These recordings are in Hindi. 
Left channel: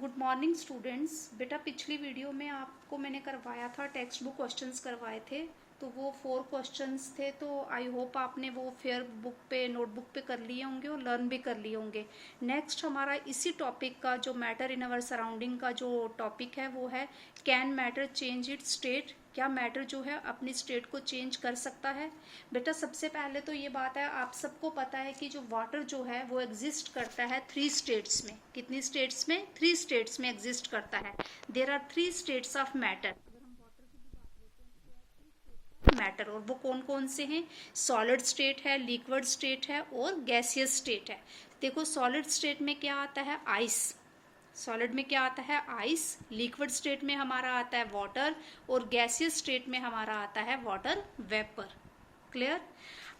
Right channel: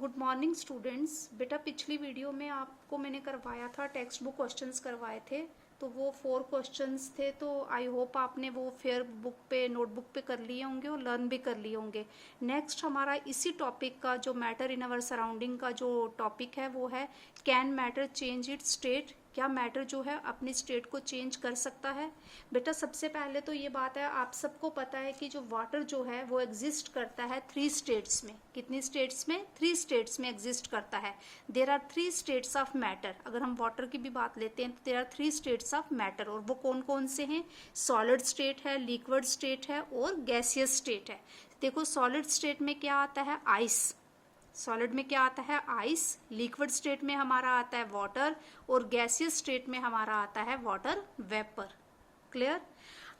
Good morning students. बेटा पिछली वीडियो में आपको मैंने करवाया था, टेक्स्ट बुक क्वेश्चंस करवाए थे, तो वो 4 क्वेश्चंस थे। तो आई होप आपने वो फेयर बुक पे, नोटबुक पे कर लिए होंगे और लर्न भी कर लिए होंगे। नेक्स्ट हमारा इसी टॉपिक का जो मैटर इन अवर सराउंडिंग का जो टॉपिक है वो है can matter change it's state. क्या मैटर जो है अपनी स्टेट को चेंज कर सकता है? बेटा सबसे पहले तो ये बात है, आप सबको पता है कि जो वाटर जो है वो एग्जिस्ट करता है 3 स्टेट्स में। कितनी स्टेट्स में? 3 स्टेट्स में एग्जिस्ट करता है। There are 3 states of matter. अगर हम वाटर की भी बात लेते हैं तो there are 3 states of matter, और वो कौन कौन से हैं? सॉलिड स्टेट है, लिक्विड स्टेट है और गैसियस स्टेट है। देखो सॉलिड स्टेट में क्या आता है? आइस। सॉलिड में क्या आता है? आइस। लिक्विड स्टेट में हमारा आता है वाटर, और गैसियस स्टेट में हमारा आता है वाटर वेपर। क्लियर?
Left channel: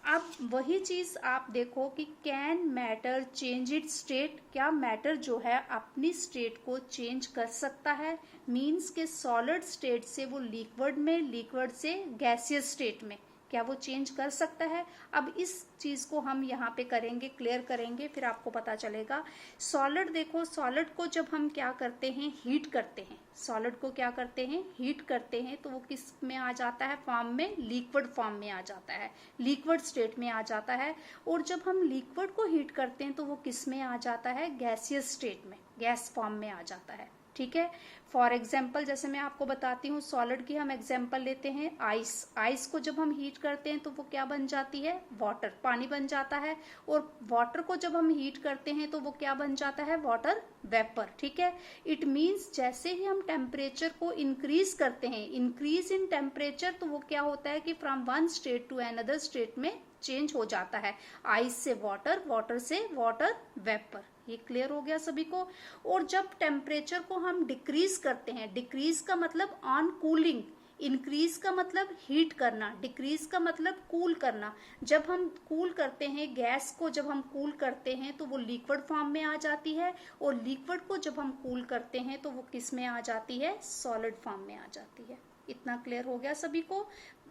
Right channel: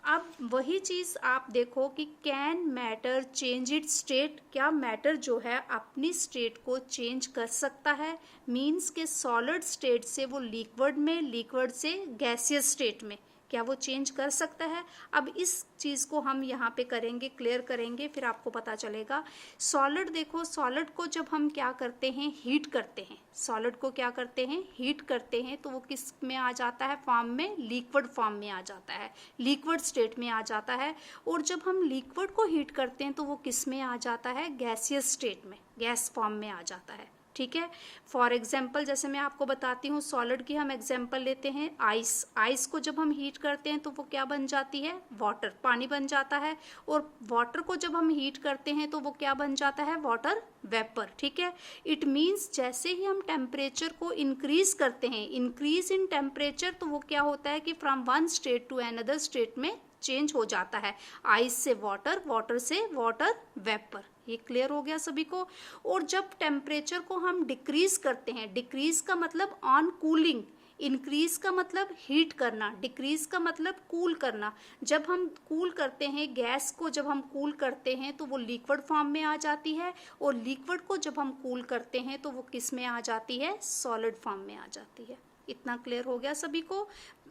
अब वही चीज आप देखो कि can matter change it's state. क्या मैटर जो है अपनी स्टेट को चेंज कर सकता है? मीन्स के सॉलिड स्टेट से वो लिक्विड में, लिक्विड से गैसियस स्टेट में, क्या वो चेंज कर सकता है? अब इस चीज को हम यहाँ पे करेंगे, क्लियर करेंगे, फिर आपको पता चलेगा। सॉलिड देखो, सॉलिड को जब हम क्या करते हैं? हीट करते हैं। सॉलिड को क्या करते हैं? हीट करते हैं, तो वो किस में आ जाता है? फॉर्म में, लिक्विड फॉर्म में आ जाता है, लिक्विड स्टेट में आ जाता है। और जब हम लिक्विड को हीट करते हैं तो वो किस में आ जाता है? गैसियस स्टेट में, गैस फॉर्म में आ जाता है। ठीक है। फॉर एग्जाम्पल जैसे मैं आपको बताती हूँ, सॉलिड की हम एग्जाम्पल लेते हैं आइस। आइस को जब हम हीट करते हैं तो वो क्या बन जाती है? वाटर, पानी बन जाता है। और वाटर को जब हम हीट करते हैं तो वो क्या बन जाता है? Water vapour. ठीक है। इट मीन्स जैसे ही हम टेम्परेचर को इंक्रीज करते हैं, इंक्रीज इन टेम्परेचर, तो वो क्या होता है कि from one state to another state में चेंज हो जाता है। आइस से वाटर, वाटर से वाटर वेपर। ये क्लियर हो गया सभी को? और जब टेम्परेचर को हम डिक्रीज करते हैं, डिक्रीज का मतलब ऑन कूलिंग, इंक्रीज का मतलब हीट करना, डिक्रीज का मतलब कूल करना। जब हम कूल करते हैं गैस को, जब हम कूल करते हैं तो वो लिक्विड फॉर्म में आ जाती है, और लिक्विड को जब हम कूल करते हैं तो वो किस में आ जाती है? सॉलिड फॉर्म में आ जाती है। इतना क्लियर हो गया सभी को?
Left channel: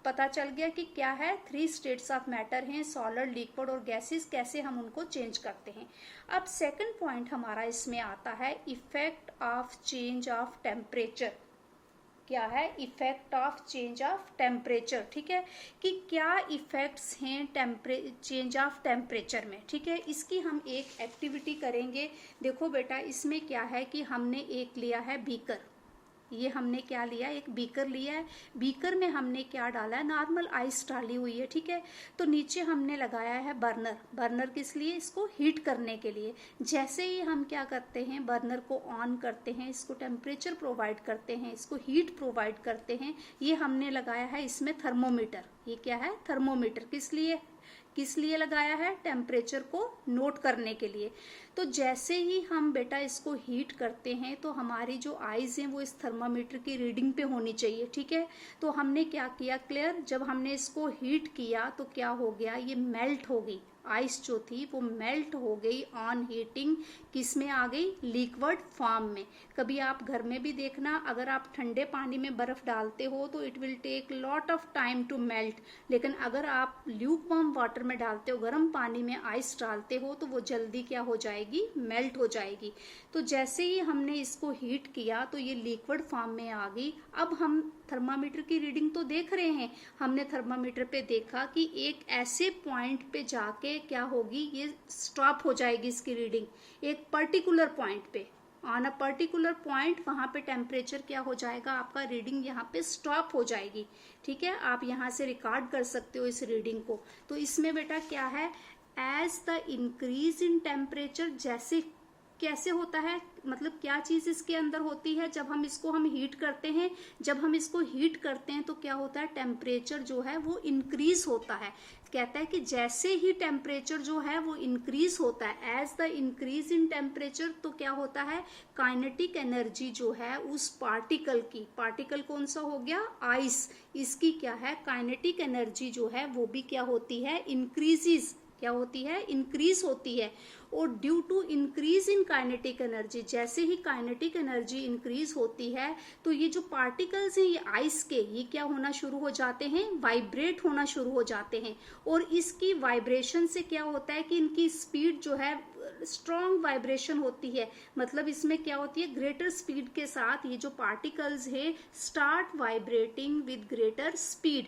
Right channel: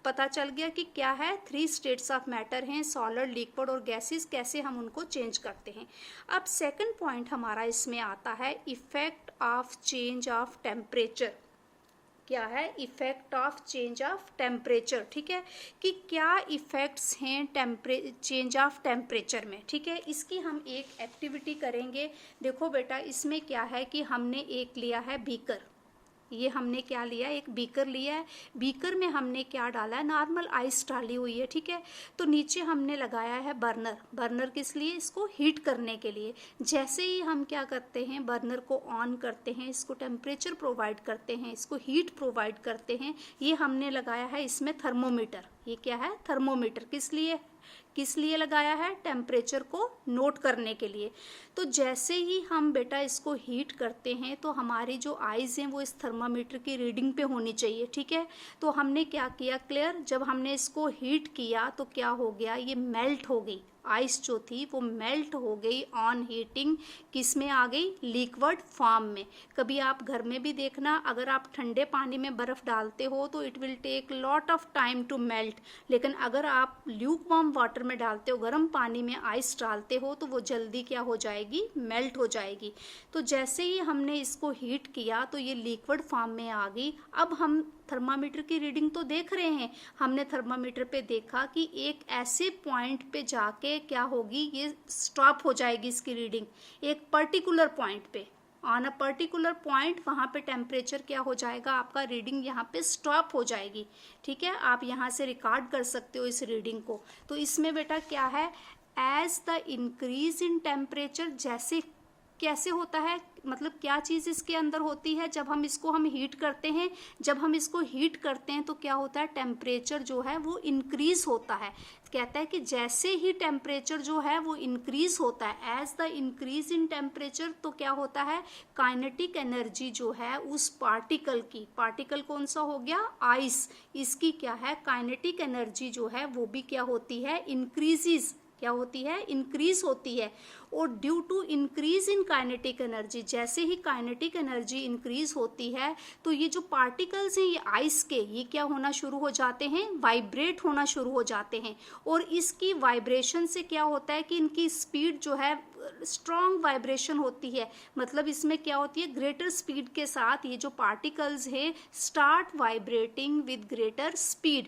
पता चल गया कि क्या है? 3 स्टेट्स ऑफ मैटर हैं, सॉलिड, लिक्विड और गैसेस, कैसे हम उनको चेंज करते हैं। अब सेकंड पॉइंट हमारा इसमें आता है effect of change of temperature. क्या है? Effect of change of temperature. ठीक है, कि क्या इफेक्ट्स हैं चेंज ऑफ टेम्परेचर में। ठीक है, इसकी हम एक एक्टिविटी करेंगे। देखो बेटा इसमें क्या है कि हमने एक लिया है बीकर। ये हमने क्या लिया? एक बीकर लिया है। बीकर में हमने क्या डाला है? नॉर्मल आइस डाली हुई है। ठीक है, तो नीचे हमने लगाया है बर्नर। बर्नर किस लिए? इसको हीट करने के लिए। जैसे ही हम क्या करते हैं? बर्नर को ऑन करते हैं, इसको टेम्परेचर प्रोवाइड करते हैं, इसको हीट प्रोवाइड करते हैं। ये हमने लगाया है इसमें थर्मोमीटर। ये क्या है? थर्मोमीटर। किस लिए? किस लिए लगाया है? टेम्परेचर को नोट करने के लिए। तो जैसे ही हम बेटा इसको हीट करते हैं तो हमारी जो आइज हैं वो इस थर्मामीटर की रीडिंग पे होनी चाहिए। ठीक है, तो हमने क्या किया? क्लियर? जब हमने इसको हीट किया तो क्या हो गया? ये मेल्ट हो गई। आइस जो थी वो मेल्ट हो गई ऑन हीटिंग। किस में आ गई? लिक्विड फॉर्म में। कभी आप घर में भी देखना, अगर आप ठंडे पानी में बर्फ डालते हो तो it will take lot of time to melt, लेकिन अगर आप ल्यूक वार्म वाटर में डालते हो, गर्म पानी में आइस डालते हो, तो वो जल्दी क्या हो जाएगी? मेल्ट हो जाएगी। तो जैसे ही हमने इसको हीट किया तो ये लिक्विड फॉर्म में आ गई। अब हम थर्मामीटर की रीडिंग तो देख रहे हैं। हमने थर्मामीटर पे देखा कि एक ऐसे पॉइंट पे जाके क्या होगी? ये स्टॉप हो जाएगी इसकी रीडिंग, एक पर्टिकुलर पॉइंट पे। ऑन अ पर्टिकुलर पॉइंट वहां पे टेम्परेचर क्या हो जाएगा? आपका रीडिंग यहाँ पे स्टॉप हो जाएगी। ठीक है, आप यहाँ से रिकॉर्ड कर सकते हो इस रीडिंग को। तो इसमें बेटा क्या है? As the increase in temperature, जैसे कैसे होता है, मतलब क्या चीज इसके अंदर होती है? जब हम इसको हीट करते हैं, जब हम इसको हीट करते हैं तो क्या होता है? टेम्परेचर जो है वो इंक्रीज होता है। कहता है कि जैसे ही टेम्परेचर जो है वो इंक्रीज होता है, as the increase in temperature, तो क्या होता है? काइनेटिक एनर्जी जो है उस पार्टिकल की, पार्टिकल कौन सा हो गया? आइस, इसकी क्या है? काइनेटिक एनर्जी जो है वो भी क्या होती है? इंक्रीजेस। क्या होती है? इंक्रीज होती है। और due to increase in kinetic energy, जैसे ही काइनेटिक एनर्जी इंक्रीज होती है तो ये जो पार्टिकल्स हैं ये आइस के, ये क्या होना शुरू हो जाते हैं? वाइब्रेट होना शुरू हो जाते हैं। और इसकी वाइब्रेशन से क्या होता है कि इनकी स्पीड जो है स्ट्रॉन्ग वाइब्रेशन होती है, मतलब इसमें क्या होती है, ग्रेटर स्पीड के साथ ये जो पार्टिकल्स है start vibrating with greater speed.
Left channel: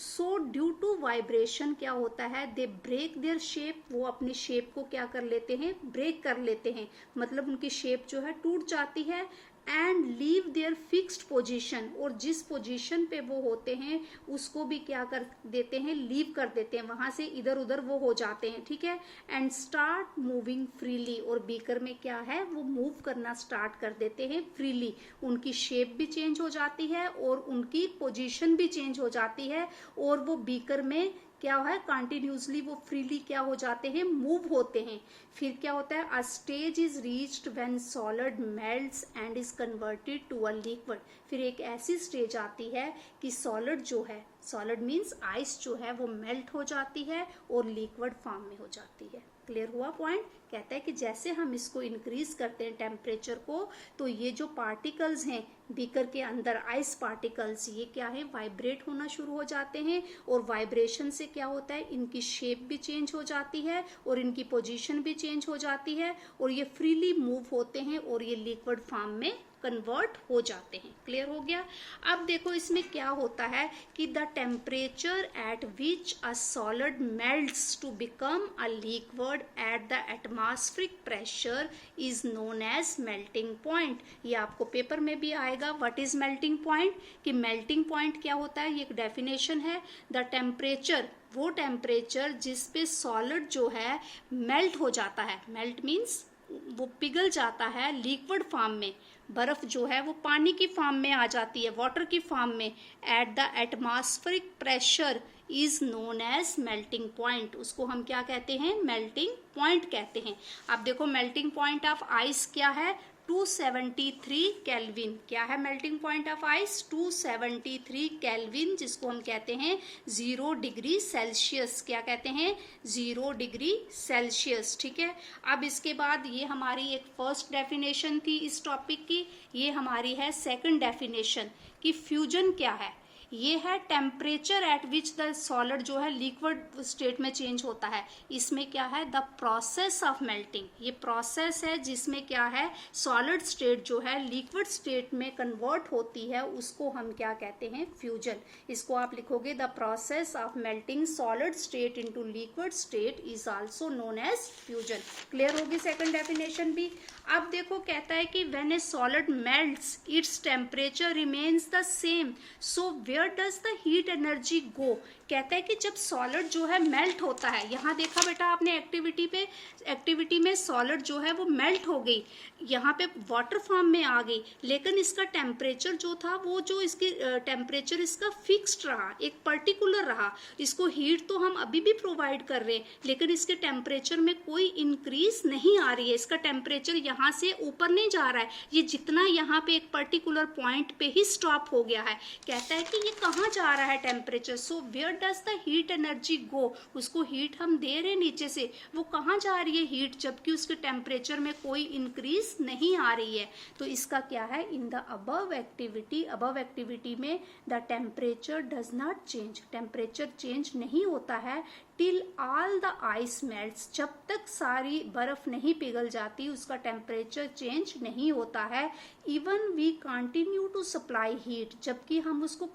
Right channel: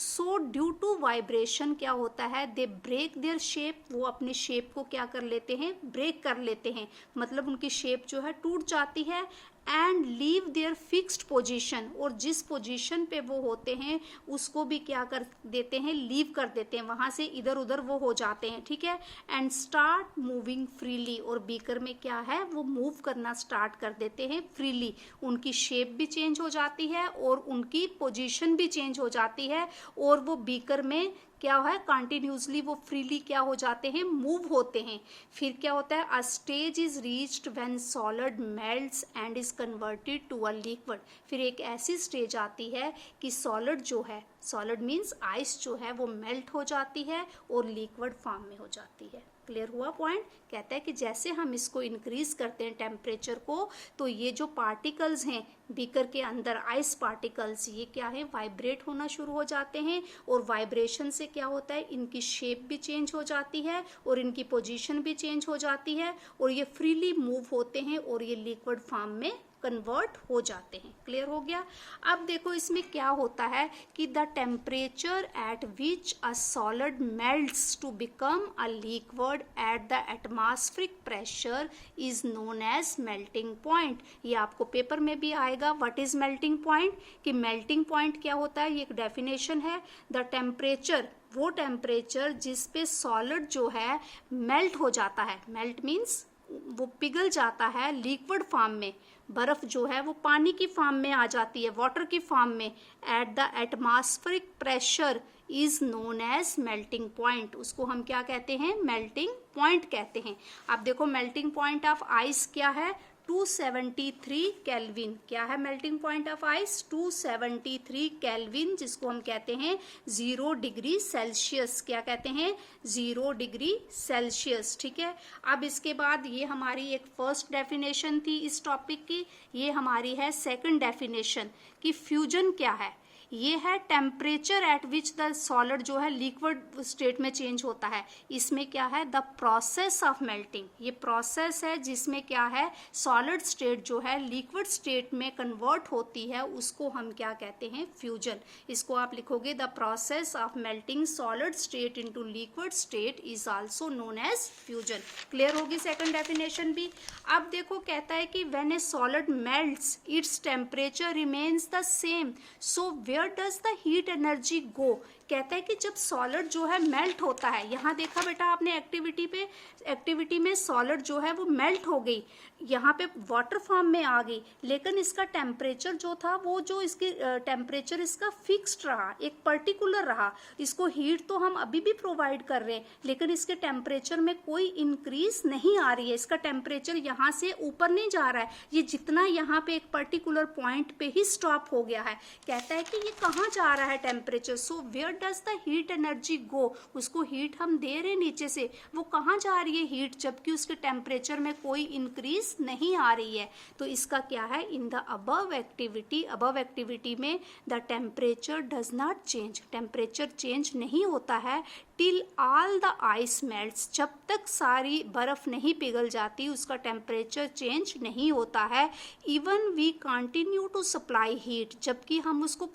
So due to vibration क्या होता है, दे ब्रेक देयर शेप, वो अपनी शेप को क्या कर लेते हैं, ब्रेक कर लेते हैं, मतलब उनकी शेप जो है टूट जाती है। And leave their fixed position, और जिस पोजीशन पे वो होते हैं उसको भी क्या कर देते हैं, लीव कर देते हैं, वहां से इधर उधर वो हो जाते हैं, ठीक है। एंड स्टार्ट मूविंग फ्रीली, और बीकर में क्या है, वो मूव करना स्टार्ट कर देते हैं फ्रीली, उनकी शेप भी चेंज हो जाती है और उनकी पोजीशन भी चेंज हो जाती है, और वो बीकर में क्या है, कंटिन्यूसली वो फ्रीली क्या हो जाते हैं, मूव होते हैं। फिर क्या होता है, a stage is reached when solid melts and is converted to a liquid. फिर एक ऐसी स्टेज आती है कि सॉलिड जो है, सॉलिड मीन्स आइस जो है वो मेल्ट हो जाती है और लिक्विड फॉर्म में हो जाती है। क्लियर हुआ पॉइंट। कहता है कि जैसे हम इसको इंक्रीज करते हैं टेम्परेचर को, तो ये जो पार्टिकल्स हैं बीकर के अंदर, आइस पार्टिकल्स, ये क्या है, वाइब्रेट होना शुरू हो जाते हैं, और वाइब्रेशन से क्या होता है, इनकी शेप भी चेंज हो जाती है और इनकी पोजीशन भी चेंज हो जाती है, और ये फ्रीली मूव होते हैं और ये लिक्विड फॉर्म में कन्वर्ट हो जाते हैं। क्लियर हो गया। अब देखो इसमें क्या होता है कि the temperature at which a solid melts to become a liquid at the atmospheric pressure is known as melting point. ये आपको पेपर में भी आएगा, व्हाट इज मेल्टिंग पॉइंट, कि मेल्टिंग पॉइंट क्या होता है, ये एक डेफिनेशन है। द टेम्परेचर, वो टेम्परेचर जिस पे सॉलिड जो है मेल्ट हो जाता है, मेल्ट मीन्स वो पिघल जाता है लिक्विड फॉर्म में, बर्फ जो है वो पानी की फॉर्म में आ जाती है, वाटर की फॉर्म में, at the atmospheric pressure is known as melting point. उसको हम क्या कहते हैं, मेल्टिंग पॉइंट कहते हैं। अब देखो मेल्टिंग पॉइंट ऑफ आइस क्या है, 273 केल्विन। क्या है melting point of ice, 273 kelvin, जिसको हम कहते हैं 0 डिग्री सेल्सियस। क्या कहते हैं, 0 डिग्री सेल्सियस, ठीक है। अब इसके बाद ये हमारी एक फर्स्ट डेफिनेशन थी इस टॉपिक की, ये हमारी है सेकंड डेफिनेशन कि फ्यूजन क्या है। ये है temperature at which the solid जो है लिक्विड स्टेट में चेंज होता है। इसमें क्या है, द प्रोसेस ऑफ मेल्टिंग, ये प्रोसेस है जिसमें क्या है, सॉलिड स्टेट जो है लिक्विड स्टेट में कन्वर्ट होती है, उसको हम क्या कहते हैं, फ्यूजन। इसको आप लिखोगे, the process of melting solid state into liquid state is also known as fusion. Clear होगी सेकंड डेफिनेशन भी। अब देखो कहता है कि when a solid melts its temperature remains the same, so where does the heat energy go. कहता है कि जब सॉलिड जो है मेल्ट होता है, यहाँ देखा बेटा आपने एक्टिविटी में सॉलिड जो है वो मेल्ट हो गई, यहाँ पे वाटर फॉर्म में आ गई, लेकिन इसका टेम्परेचर जो था वो जो इसकी टेम्परेचर इसका फिक्स्ड रहा, एक पर्टिकुलर रहा। इसको हीट तो हम अभी भी प्रोवाइड कर रहे हैं, लेकिन इसके टेम्परेचर में कोई इंक्रीज नहीं आ रही है, इसका टेम्परेचर यहाँ से ऊपर नहीं जा रहा है, ये जितना यहाँ पे एक पर्टिकुलर पॉइंट पे ही स्टॉप हो गया है। कहता है कि ये कहाँ जा रहा है temperature, so where does the heat energy go. उसको हीट हम दे रहे नीचे से, वो कहाँ जा रही है हीट, जबकि उसके टेम्परेचर में कोई इंक्रीज नहीं आ रही है। तो इसका क्या है, इन द अबव एक्टिविटी में the temperature does not change, temperature change नहीं होता है till all the ice melts, जब तक सारी बर्फ नहीं पिघल जाती उसका टेम्परेचर चेंज नहीं होता है। Even we continue to supply heat, जबकि हम उसको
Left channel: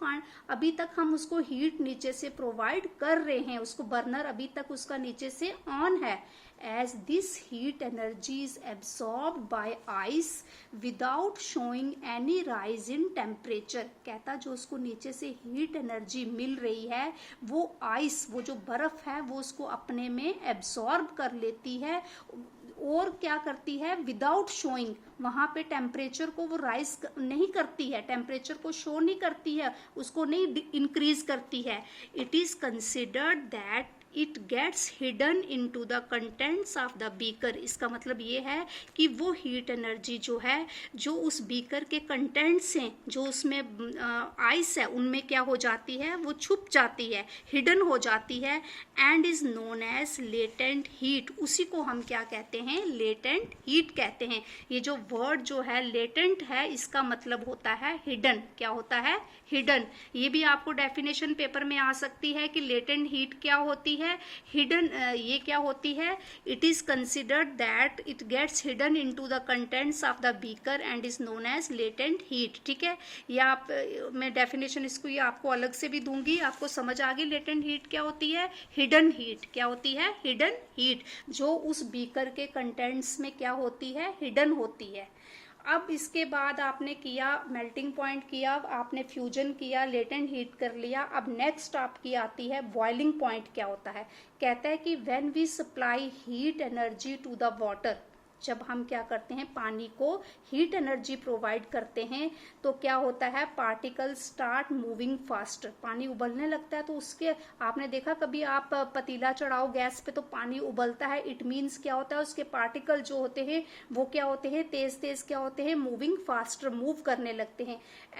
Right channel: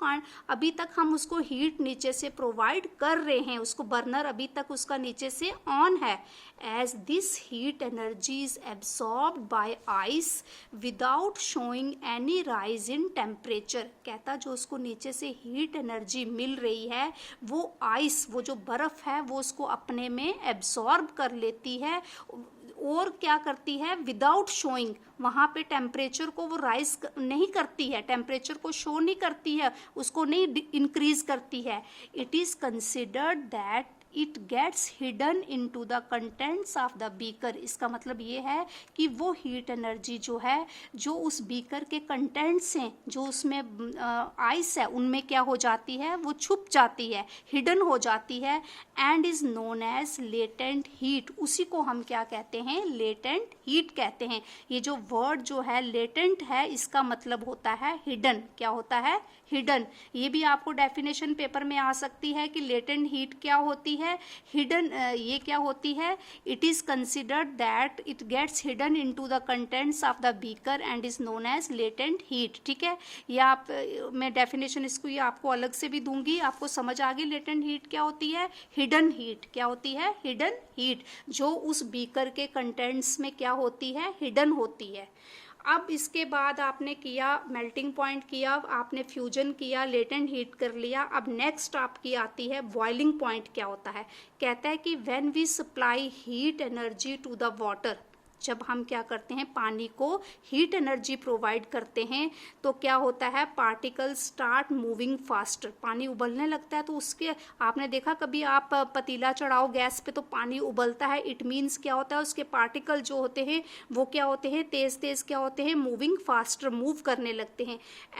अभी तक हम उसको हीट नीचे से प्रोवाइड कर रहे हैं, उसको बर्नर अभी तक उसका नीचे से ऑन है। as this heat energy is absorbed by ice without showing any rise in temperature। कहता जो उसको नीचे से हीट एनर्जी मिल रही है वो आइस, वो जो बर्फ है वो उसको अपने में एब्सॉर्ब कर लेती है और क्या करती है, विदाउट शोइंग, वहाँ पे टेम्परेचर को वो राइज नहीं करती है, टेम्परेचर को शो नहीं करती है, उसको नहीं इंक्रीज करती है। It is considered that it gets hidden into the contents of the beaker. इसका मतलब ये है कि वो हीट एनर्जी जो है, जो उस बीकर के कंटेंट्स हैं, जो उसमें आइस है, उनमें क्या हो जाती है, वो छुप जाती है, हिडन हो जाती है, and is known as latent heat. उसी को हम क्या कहते हैं, लेटेंट हीट कहते हैं। ये जो वर्ड जो है लेटेंट है, इसका मतलब होता है हिडन। क्या होता है, हिडन। ये भी आपको डेफिनेशन पेपर में आ सकती है कि लेटेंट हीट क्या होती है, है हिडन, ये क्या होती है, it is considered that it gets hidden into the contents of the beaker and is known as latent heat. ठीक है, ये आप मैं डेफिनेशन इसको ये आपको अलग से भी दूंगी, आपको समझ आ गई लेटेंट हीट क्या होती है, हिडन हीट क्या होती है, हिडन हीट जो उस बीकर के कंटेंट्स में क्या होती है, हिडन होती है। अब इसके बाद आपने किया मेल्टिंग पॉइंट किया, आपने फ्यूजन किया, लेटेंट हीट कर लिया। अब नेक्स्ट आपकी आती है बॉइलिंग पॉइंट क्या होता है, कहता है कि when we supply heat energy to the water, जब हम क्या करते हैं पानी को हीट एनर्जी प्रोवाइड करते हैं तो क्या होता है, पार्टिकल्स स्टार्ट मूविंग फास्टर, पानी उबलने लगता है। तो उसके आपने देखा कभी आप पतीला चढ़ाओ गैस पे तो पानी उबलता है, इट मीन्स क्या होता है उसके पार्टिकल जो होते हैं वो क्या होते हैं, तेज तेज क्या होते हैं, मूविंग फास्टर, मूव करने लगते हैं।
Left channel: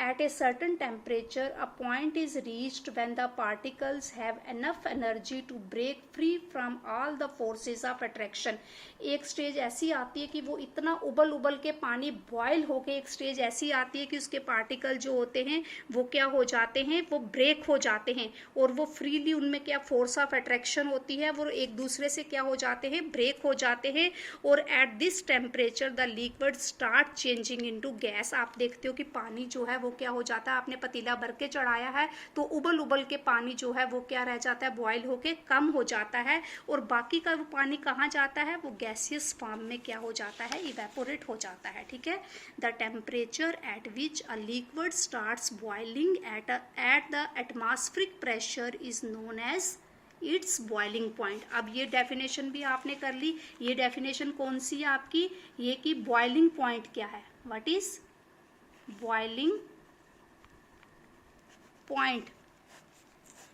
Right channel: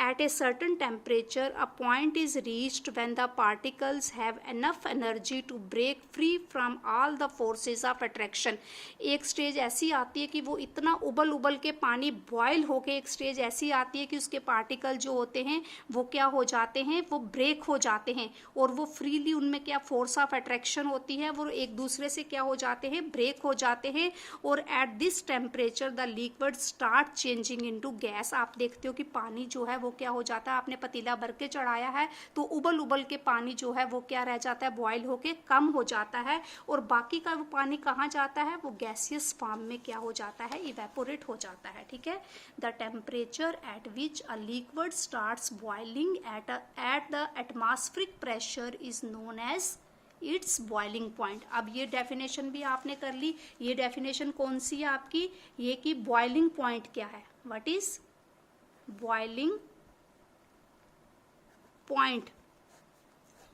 At a certain temperature a point is reached when the particles have enough energy to break free from all the forces of attraction. एक स्टेज ऐसी आती है कि वो इतना उबल उबल के पानी बॉयल होके एक स्टेज ऐसी आती है कि उसके पार्टिकल जो होते हैं वो क्या हो जाते हैं, वो ब्रेक हो जाते हैं और वो फ्रीली, उनमें क्या फोर्स ऑफ अट्रैक्शन होती है, वो एक दूसरे से क्या हो जाते हैं, ब्रेक हो जाते हैं। और at this temperature the liquid start changing into gas. आप देखते हो कि पानी जो है वो क्या हो जाता है, आपने पतीला भर के चढ़ाया है तो उबल उबल के पानी जो है वो क्या रह जाता है, बॉयल होके कम हो जाता है और बाकी का वो पानी कहाँ जाता है, वो गैसियस फॉर्म में क्या हो जाता है, इवेपोरेट हो जाता है। ठीक है, the temperature at which a liquid starts boiling at the atmospheric pressure is known as its boiling point. अब ये डेफिनेशन भी आपने कर ली। ये डेफिनेशन कौन सी है आपकी, ये कि बॉइलिंग पॉइंट क्या है, what is boiling point,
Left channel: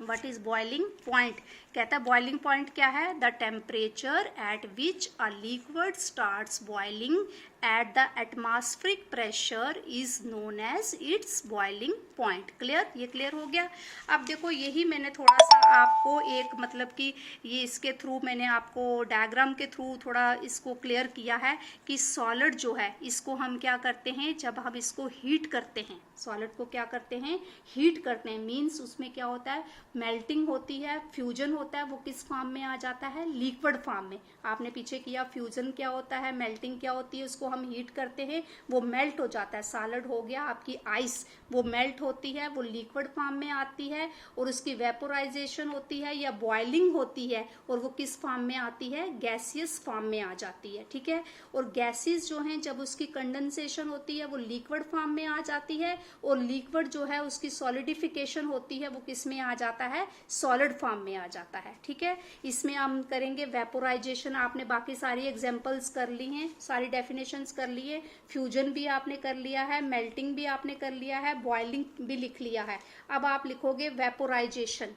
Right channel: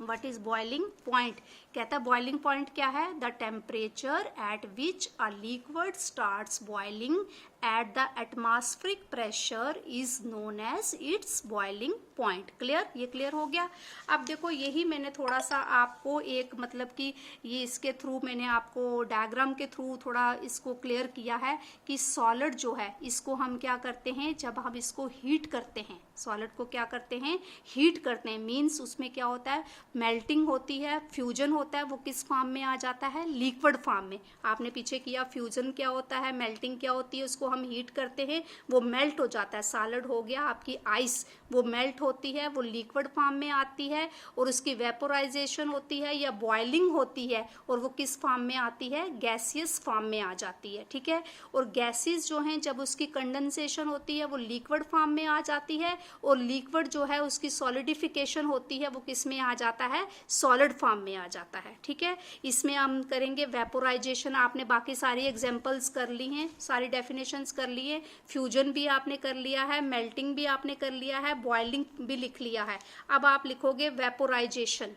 what is boiling point. कहता है बॉइलिंग पॉइंट क्या है, the temperature at which a liquid starts boiling at the atmospheric pressure is known as its boiling point. Clear, ये क्लियर हो गया। अब देखो यही मैंने थोड़ा सा आपको एक मतलब कि ये इसके थ्रू मैंने आपको डायग्राम के थ्रू थोड़ा इसको क्लियर किया है कि सॉलिड जो है इसको हम क्या करते हैं, जब हम इसको हीट करते हैं, सॉलिड को क्या करते हैं, हीट करते हैं, मीन्स उसमें क्या होता है, मेल्टिंग होती है, फ्यूजन होता है, वो किस फॉर्म में आ जाता है, लिक्विड फॉर्म में। आपने पीछे किया फ्यूजन क्या होता है, मेल्टिंग क्या होती है, उसको हम हीट करते हैं, वो मेल्ट हो जाता है, सॉलिड हो गया आपकी आइस, वो मेल्ट होती है, वो लिक्विड फॉर्म में आती है और उसकी वेपोराइजेशन होती है या बॉइलिंग होती है और वो किस फॉर्म में आती है, गैसियस फॉर्म में आ जाती है। ठीक है, और गैसेस जो हैं जब उसकी कंडेंसेशन होती है वो लिक्विड फॉर्म में आ जाती है और लिक्विड जो है उसकी सॉलिडिफिकेशन होती है वो किस में आ जाता है, सॉलिड फॉर्म में आ जाता है। ठीक है, इसमें हम करेंगे वेपोराइजेशन। आपने बाकी सारी एग्जांपल्स कर ली हैं, सारी डेफिनेशंस कर ली है, फ्यूजन भी आपने कर लिया है, मेल्टिंग भी आपने कर लिया है, बॉइलिंग भी लिख लिया है। अब आप लिखोगे वेपोराइजेशन।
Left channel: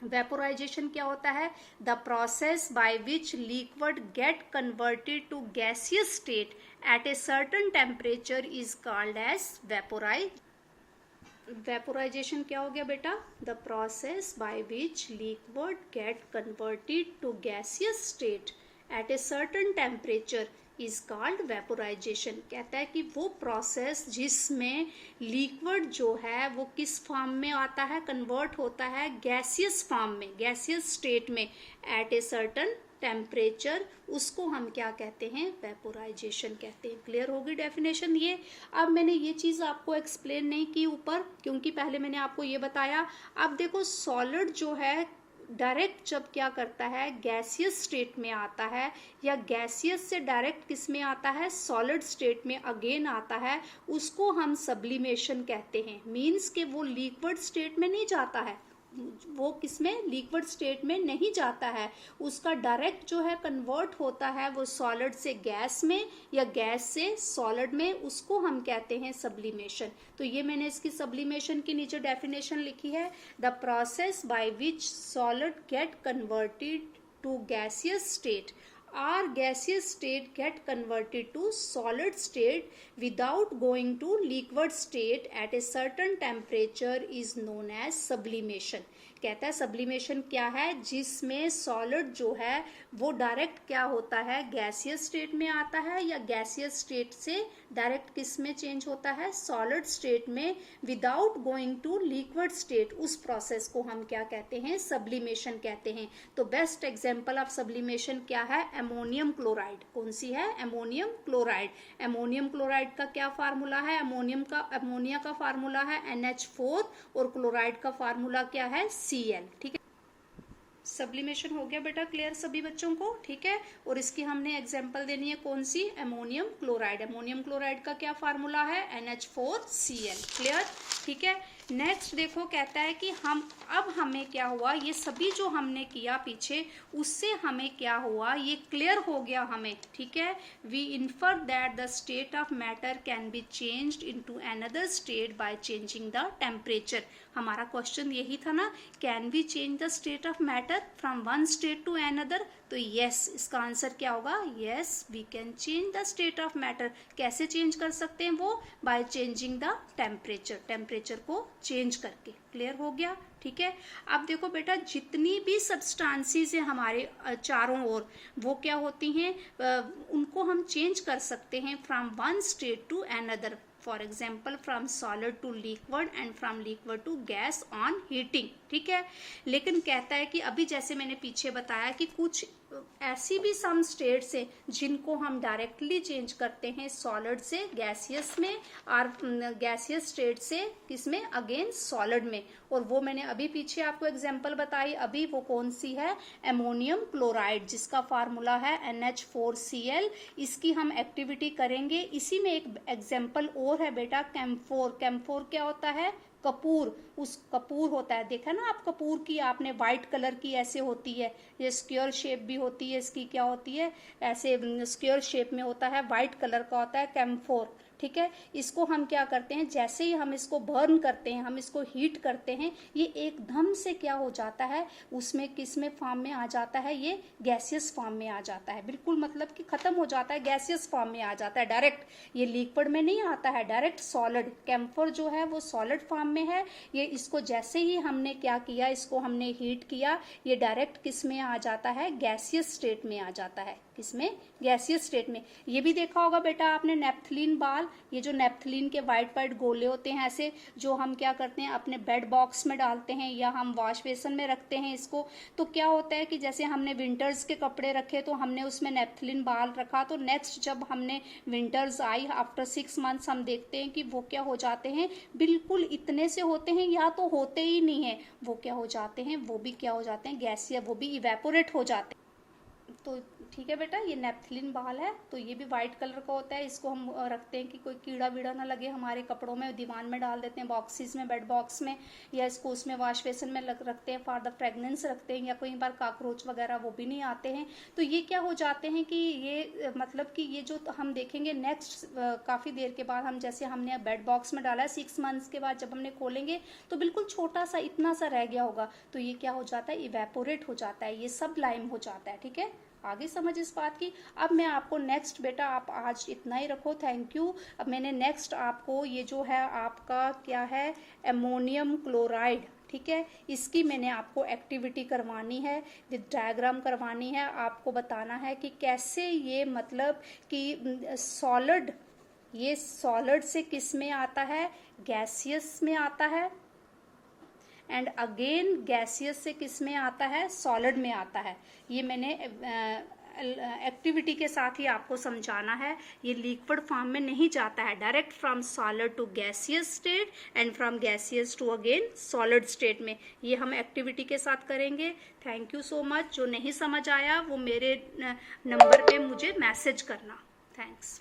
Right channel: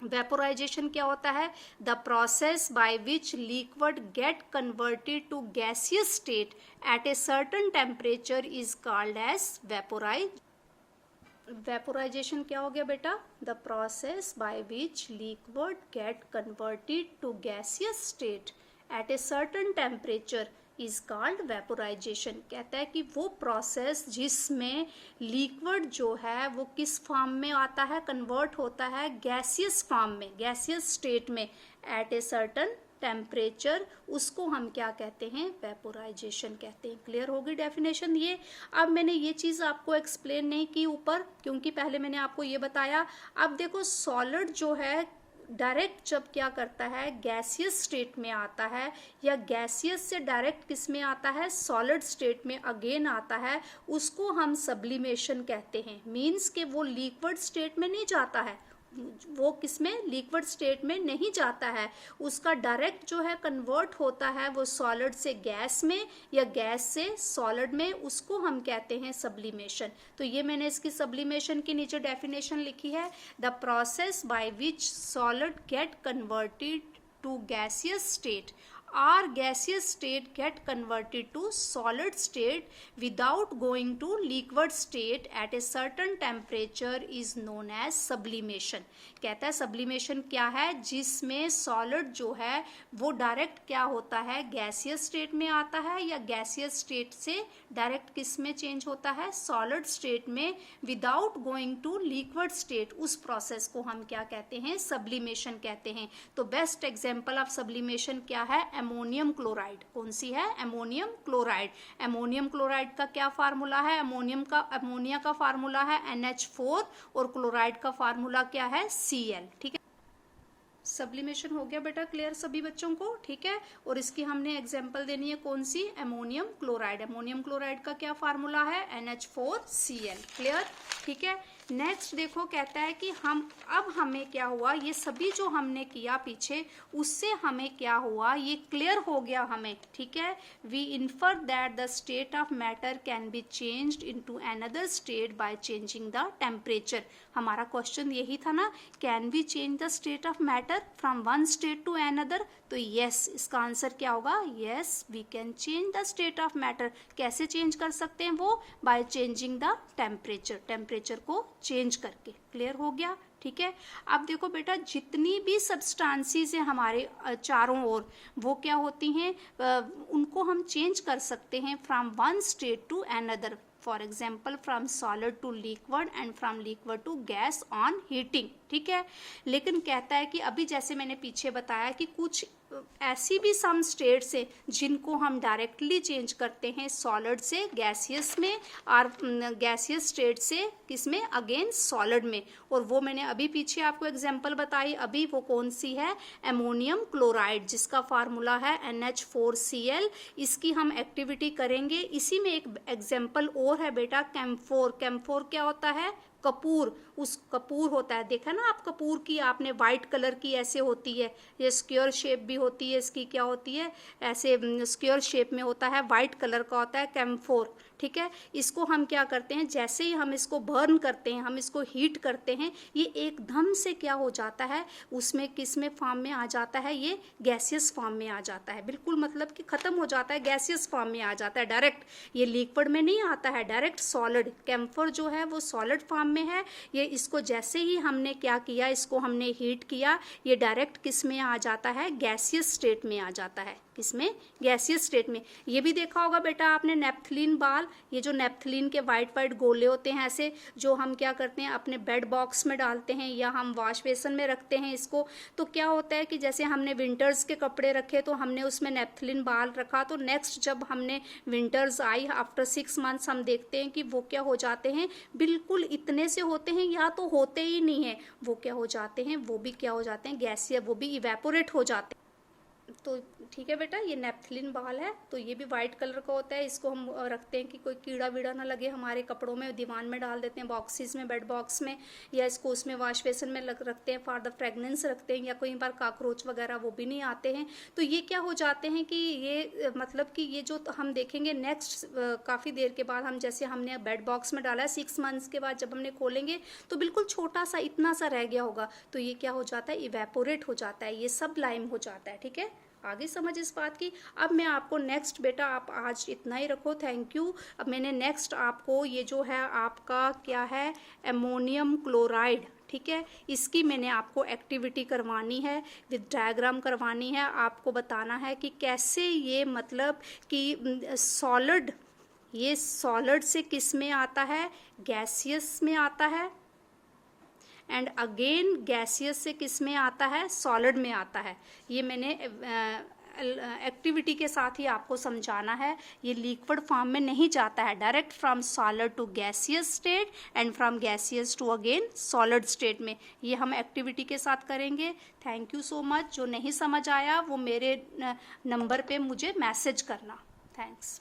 वेपोराइजेशन क्या होता है, the process by which liquid get converted to gaseous state at a certain temperature is called as vaporisation क्या हो गया बेटा, the process by which liquid get converted to gaseous state at a certain temperature is called vaporisation. कहता है कि वो प्रोसेस जिसमें लिक्विड जो है वो किस फॉर्म में आता है, कन्वर्ट होता है गैसियस फॉर्म में, गैसियस स्टेट में एट ए सर्टेन टेम्परेचर, उसको हम क्या कहते हैं, वेपोराइजेशन कहते हैं। क्लियर होगी डेफिनेशन ये। अब मैंने ये चीज आपको एक्सप्लेन नहीं की ऊपर क्योंकि पहले मैंने आपको ये बताया। अब देखो सॉलिड जो है डायरेक्ट जब क्या करता है, गैसियस स्टेट में आता है या गैसियस से डायरेक्ट किस में आता है, सॉलिड स्टेट में अगेन आता है, उसको हम सब्लिमेशन कहते हैं। मीन्स के वो लिक्विड स्टेट में नहीं जाता है, वो किसमें, लिक्विड स्टेट में नहीं जाता है, उसका डायरेक्ट जो है कन्वर्ट होता है वो सॉलिड से गैस में या गैस से सॉलिड में, उसको हम कहते हैं सब्लिमेशन। तो ये मैंने इसकी सब्लिमेशन की नीचे डेफिनेशन लिखी है, the process by which solid get converted to gaseous state or gaseous state get converted to solid state without going to liquid state at a certain temperature is known as sublimation। कहता है सब्लिमेशन क्या है, जिसमें सॉलिड जो है वो डायरेक्ट क्या होता है, गैसियस स्टेट में आता है, या गैसियस स्टेट से डायरेक्ट किस में चेंज होता है, सॉलिड स्टेट में, without going to liquid state. उस प्रोसेस को हम क्या कहते हैं, सब्लिमेशन कहते हैं। तो बेस्ट एग्जांपल ऑफ सब्लिमेशन क्या है, अमोनियम क्लोराइड। कौन सी है, अमोनियम क्लोराइड। अमोनियम क्लोराइड का क्या फार्मूला है, अमोनिया का फार्मूला है NH4 और क्लोराइड का फार्मूला क्या है, Cl। ठीक है, सब्लिमेशन हो गया बेटा क्लियर सभी बच्चों को, ठीक है। और इसकी हमने एग्जांपल देनी है कौन सी, अमोनियम क्लोराइड। अमोनियम क्लोराइड का क्या फार्मूला है, NH4Cl। क्लियर, ठीक है। नेक्स्ट देखो कहता है कि अब हमें क्या हुआ, ये सभी जो हमने किया पीछे उससे हमें क्या हुआ, ये क्लियर हो गया हमें, ठीक है। We infer that the state of matter can be changed into another state by changing the temperature. हमारा क्वेश्चन यही था ना, can we change the state of matter from one state to another. तो यस, इसका आंसर क्या होगा, yes we can change the state of matter. कैसे चेंज कर सकते हैं वो, by changing the temperature, temperature को चेंज करके। क्लियर हो गया, ठीक है। अब देखो बेटा, जितनी भी सब्सटेंसेस है हमारे चारों ओर, वो क्या होती हैं, उनको हम चेंज कर सकते हैं from one state to another. For example from solid to liquid and from liquid to gas on heating, ठीक है। लेकिन कहता है कि अभी जैसे मैंने पीछे बताया कि कुछ ऐसी भी सम स्टेट्स है जिनको हम डायरेक्टली चेंज करते हैं सॉलिड से गैसियस में, और गैसियस स्टेट से किसमें, अगेन सॉलिड में। और वो मैंने अभी पीछे आपको एग्जांपल बताई, अभी वो कौन सी है, अमोनियम क्लोराइड, जिसका फार्मूला है NH4Cl। इसकी हम एक्टिविटी करेंगे। इसी में एक एग्जाम्पल और है बेटा, कैम्फोर। कैम्फोर क्या होता है, कपूर। उस कपूर होता है, देखा ना आप, कपूर की आपने व्हाइट कलर की ऐसे होती है, ये स्क्वायर शेप भी होती है, इसकी क्या होती है, ऐसे स्क्वायर शेप में होता है, व्हाइट कलर का होता है कैम्फोर, ठीक है। इसको हम क्या करते हैं, जैसे ही हम इसको बर्न करते हैं, हम इसको हीट करते हैं, ये एकदम से क्या हो जाता है, उसमें किस में फॉर्म में आ जाता है, ये गैसियस फॉर्म में आ जाता है। बिल्कुल मतलब कि खत्म हो जाता है, गैसियस फॉर्म में आ जाता है डायरेक्ट। ये लिक्विड में नहीं आता है, डायरेक्ट सॉलिड। कैम्फर जो है वो सॉलिड फॉर्म में है। ये इसको जैसे ही हमने क्या किया, इसको हमने हीट किया, ये डायरेक्ट किस में आ जाता है, गैसियस स्टेट में आ जाता है। किसमें, गैसियस स्टेट में। ये भी देखा होगा बेटा आपने नेप्थलीन बाल, ये जो नेप्थलीन के वाइट वाइट गोले होते हैं ऐसे, जो हम क्या करते हैं अपने बेड बॉक्स में डालते हैं या हम वॉश बेसन में रखते हैं इसको। तो क्या होता है कि जैसे हमने विंटर्स के कपड़े रखे तो हमने उसमें नेप्थलीन बाल रखा, तो नेक्स्ट जब हमने विंटर्स आई आफ्टर 6 मंथ्स, हम देखते हैं कि वो क्या हो जाते हैं, बिल्कुल इतने से होते हैं या तो होते ही नहीं है, वो क्या हो जाते हैं, वो भी क्या हो जाते हैं, गैसिया, वो भी इवेपोरेट हो जाते हैं। तो ठीक है बेटा, ये नेप्थलीन बाल है, तो ये भी व्हाइट कलर का होता है। इसको हम रखते हैं कि कोई कीड़ा वीड़ा ना लगे हमारे कपड़ों में, दीवान में डाल देते हैं, बॉक्सेस में, बेड बॉक्स में, या इसको उसमें वॉश बेसन में रखते हैं, फॉर द फ्रेगनेंस रखते हैं, या कई बार कॉकरोच वगैरह वो भी नहीं आते हैं। तो ये क्या हो जाते हैं कि ये मतलब कि ये जो हम देखेंगे नेक्स्ट काफ़ी देर के बाद, हम जैसे हमने बेड बॉक्स में डाला है, 6 मंथ्स के बाद जब हमने खोलेंगे तो बिल्कुल छोटा सा इतना सा रह गया होगा, तो ये क्या हो जाता है, इवेपोरेट हो जाता है, ये सब लाइम हो जाता है। ठीक है, आगे समझ इस बात की। अब मैं आपको नेक्स्ट, बेटा आप आज इतना ही रखो, थैंक यू। अब मैंने नेक्स्ट आपको ये जो है आपका क्या है, अमोनियम क्लोराइड, ठीक है, इसकी मैंने आपको एक्टिविटी करवानी है, विद डायग्राम करवानी है, आपको बताना है कि कैसे ये मतलब कि सॉलिड, ये सॉलिड से किस में आता है, गैसियस में आता है, एंड अगेन गैसियस से किस में आता है, सॉलिड में आता है। ये मैंने एक्टिविटी के साथ ही आपको समझाना है। ये लिक्विड फॉर्म में नहीं जाता है, direct from solid to gaseous state and from gaseous to again solid state में। ये हम एक्टिविटी के साथ करेंगे। Thank you so much. जो नहीं समझ आया वो मेरे नंबर पे मुझे मैसेज करना। थैंक्स।